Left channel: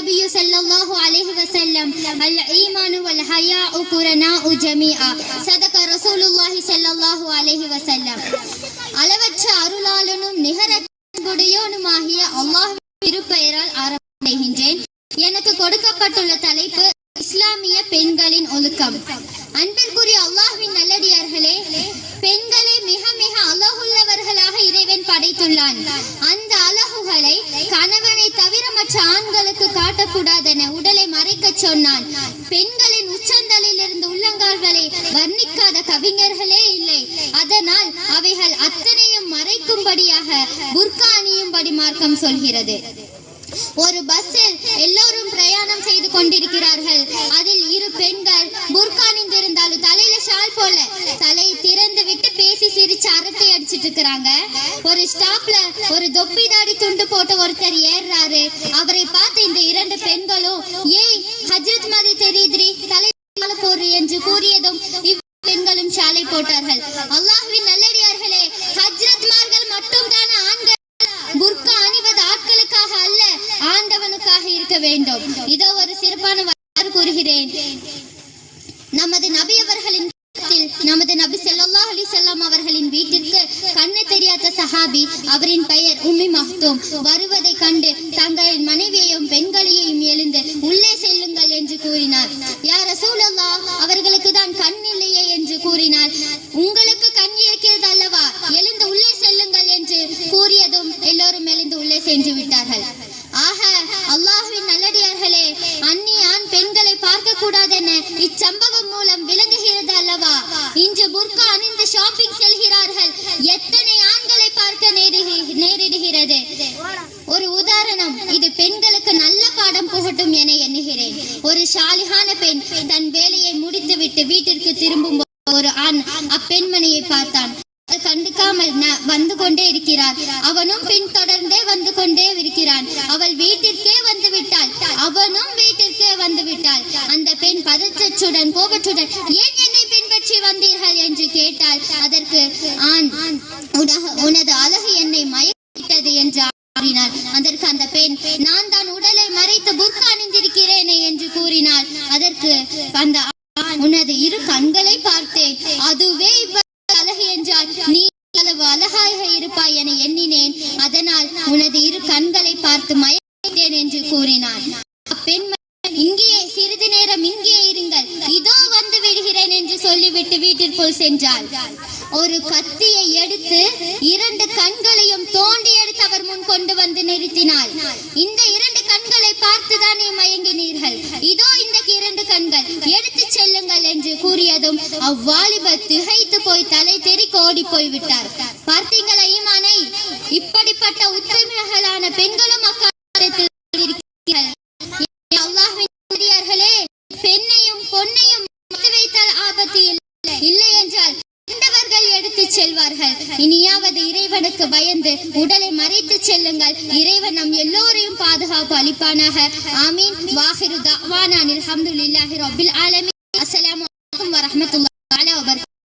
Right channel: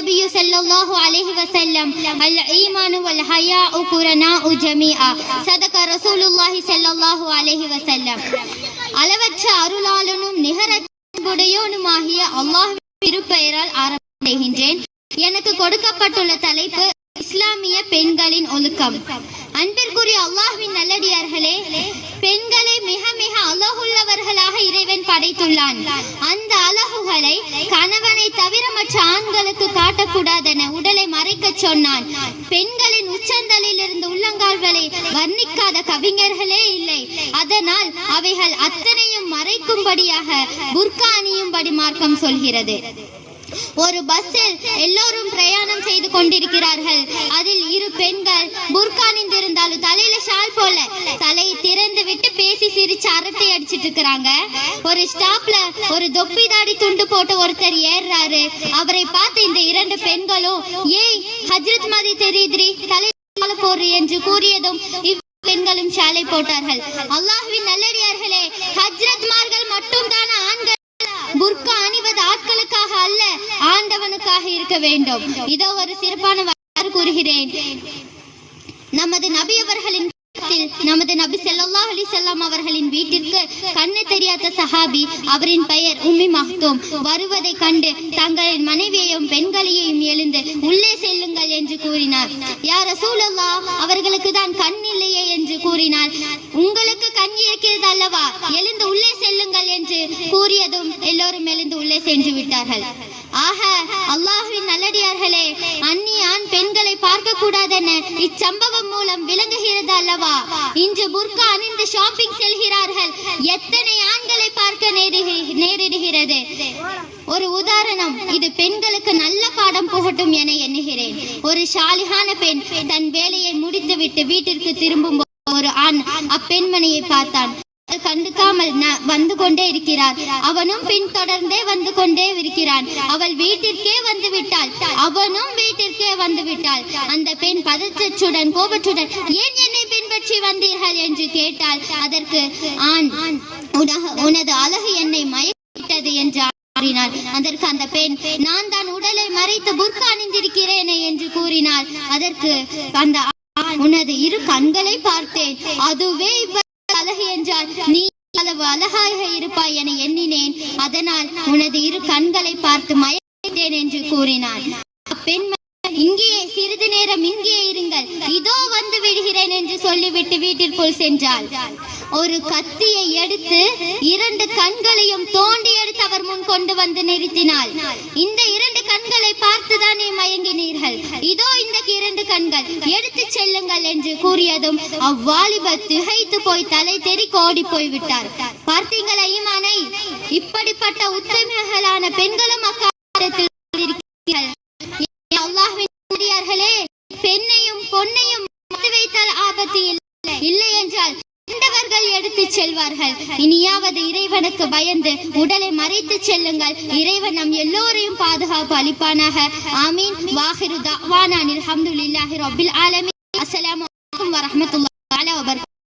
النبي صلى الله عليه وسلم الإيمان والحياء قرناء جميعا صدق رسول الله صلى الله عليه وسلم. அளவற்ற அருளாளனும் நிகரடையோனுமாகிய அல்லாஹ்வின் திருப்பெயரால் ஆரம்பிக்கின்றேன். எனக்கு கொடுக்கப்பட்டுள்ள தலைப்பு இஸ்லாமிய பெண்களின் ஒழுக்கம். அன்பிற்குரிய அல்லாஹ்வின் நல்லடியார்களே, பெண்களை மிக மிக அழகுள்ளவர்களாக இறைவன் படைத்துள்ளான். அந்த அழகுகளை கணவனை தவிர மற்ற ஆண்களுக்கு காட்டக்கூடாதென உடலை மறைக்க சொன்னான். பெண்களின் உச்சந்தலில் இருந்து உள்ளங்கால் வரை வர்ணிக்காத கவிஞர்களே இல்லை. அதனால் அவைகள் அத்தனையும் மறைக்கும்படியாக புர்கா அணியும்படி மார்க்கம் சொல்கிறது. ஒரு பஸ்ஸில் எல்லோரும் பிரயாணம் செய்து கொண்டிருக்கிறார்கள். அதில் இரு பெண்கள் புர்கா அணிந்திருந்தாலும் தலையில ஷால் போல தலையை திறந்து விட்டு பேசி சிரிச்சு அரட்டை அடிச்சிட்டு இருக்கிறாங்க. ஒரு ஸ்டாப்ல ஒரு தொப்பி தாடி துண்டு போட்ட ஒருத்தர் ஏறாரு. அவரை பார்த்து இந்த இரண்டு பெண்களும் ஏய் ஹஜ்ரத் மாதிரி தெரியுதுரி தலை போடு என்று கூறியதும் பெண்களும் ஷாலை போட்டார்கள். அல்லாஹ்வின் நல்லடியார்களே, ஹஜ்ரத்மார்கள் மட்டும் தான் ஆண்கள். புர்கா அணிவது ஆட்களுக்காக அல்ல, ஆண்டவனுக்காக இருக்க வேண்டும். இதோ ஒரு சிறப்பான வரலாறு கூறுகிறேன். நமது நபி அவர்களின் நமது நபி ஸல்லல்லாஹு அலைஹி வஸல்லம் அவர்களின் வீட்டிற்கு கண்ணு தெரியாத சஹாபி, அவரின் பெயர் உம்மி மக்தூம், வருவதை கண்டு தங்களின் மனைவியையும் பெண்களையும் எழுந்து உள்ளே செல்லுங்கள் என்று கூறினார். யா ரசூலல்லாஹ், அவர்களுக்கு தான் கண் இல்லையே என்று கூறினார். உங்களுக்கு கண் இருக்கிறது அல்லவா, எழுந்து உள்ளே செல்லுங்கள் என்று கூறியதும் எல்லோரும் எழுந்து உள்ளே சென்று விட்டார்கள். ஆக அல்லாஹ்வின் நல்லடியார்களே, அந்நிய ஆண் பெண்களை பார்க்க கூடாதென இச்சம்பவம் மூலம் விளங்குகிறது அல்லவா. இன்று புர்கா அணிந்து ஷாப்பிங் செல்கிறார்கள். எத்தனை ஆண்களை பார்க்க நேரிடுகிறது. ஒரு உதாரணம், இது பெண்களுக்கு நல்ல பாடம் புகட்டும் என எண்ணுகிறேன். ஒரு சாலிகான பெண் தன் வேலையை முடித்துவிட்டு வீட்டிற்கு திரும்பும் ஒரு ஆண் அப்பெண்மணியை பார்த்தான். கண்டுக்காமல் வந்து கொண்டே இருக்கிறார். அவனும் பின் தொடர்ந்தே வந்து கொண்டே இருக்கிறான். அவள் வீட்டிற்கே வந்து விட்டாள். அவனும் வீட்டிற்கே வந்து விட்டாள். அந்த பெண் பதற்றத்துடன் கோபத்துடன் ஏன் என்னை பின்பற்றி வந்தீர்கள் என்று கேட்டாள். அதற்கு ஆண், உனது அழகு என்னை மயக்கிவிட்டது என்று கூறினாள். அதற்கு அந்த பெண், நான் தான் உடலை மறைத்து புர்கா அணிந்திருக்கிறேனே என்று கூறினாள். அதற்கு அந்த உனது இரு கண்களை பார்த்தேன், அதுவே அழகு என்றால் நீ அளவு அழகாக இருப்பாய் என எண்ணினேன். அதனால் உனது இரு கண்களை பார்த்து மயக்கிட்டேன் என்று கூறினான். பெண், இங்கே சிறிது நேரம் இங்கே இருங்கள், இதோ வந்து விடுகிறேன் என்று சொல்லிவிட்டு வீட்டிற்குள் சென்றாள். ஒரு கத்தியை எடுத்து இரண்டு கண்களையும் தோண்டி எடுத்து அவர் முன் கொண்டு வந்து நிறுத்தினாள். இந்த இரண்டு கண்களை பார்த்துதானே மயங்கினீர்கள், இதோ இந்த இரண்டு கண்கள் எடுத்து செல்லுங்கள் என்று கூறியதும் அவ்வாலிபர் திகைத்து போய் தலை தெறிக்க ஓடி போய்விட்டார். பார்த்தீங்களா ஈமானை? இப்படிப்பட்ட உத்தமிகளான பெண்களும் அக்காலத்தில் இருக்கிறார்கள். அல்லாஹ்வின் நல்லடியார்களே, பெண்ணையும் பொன்னையும் வைத்தால் ஆபத்து இல்லை என்றால் எடுத்து செல்வார்கள். இனியாவது இறைவனுக்கு பயந்து உடலை மறைத்து செல்லுங்கள். இறைவன் நம் எல்லோரையும் பாதுகாப்பு அளிப்பானாக. ஆமீன். வாஹிரு தஅவானா அல்ஹம்துலில்லாஹி ரப்பில் ஆலமீன். அஸ்ஸலாமு அலைக்கும் வரஹ்மத்துல்லாஹி வபரகாத்துஹு.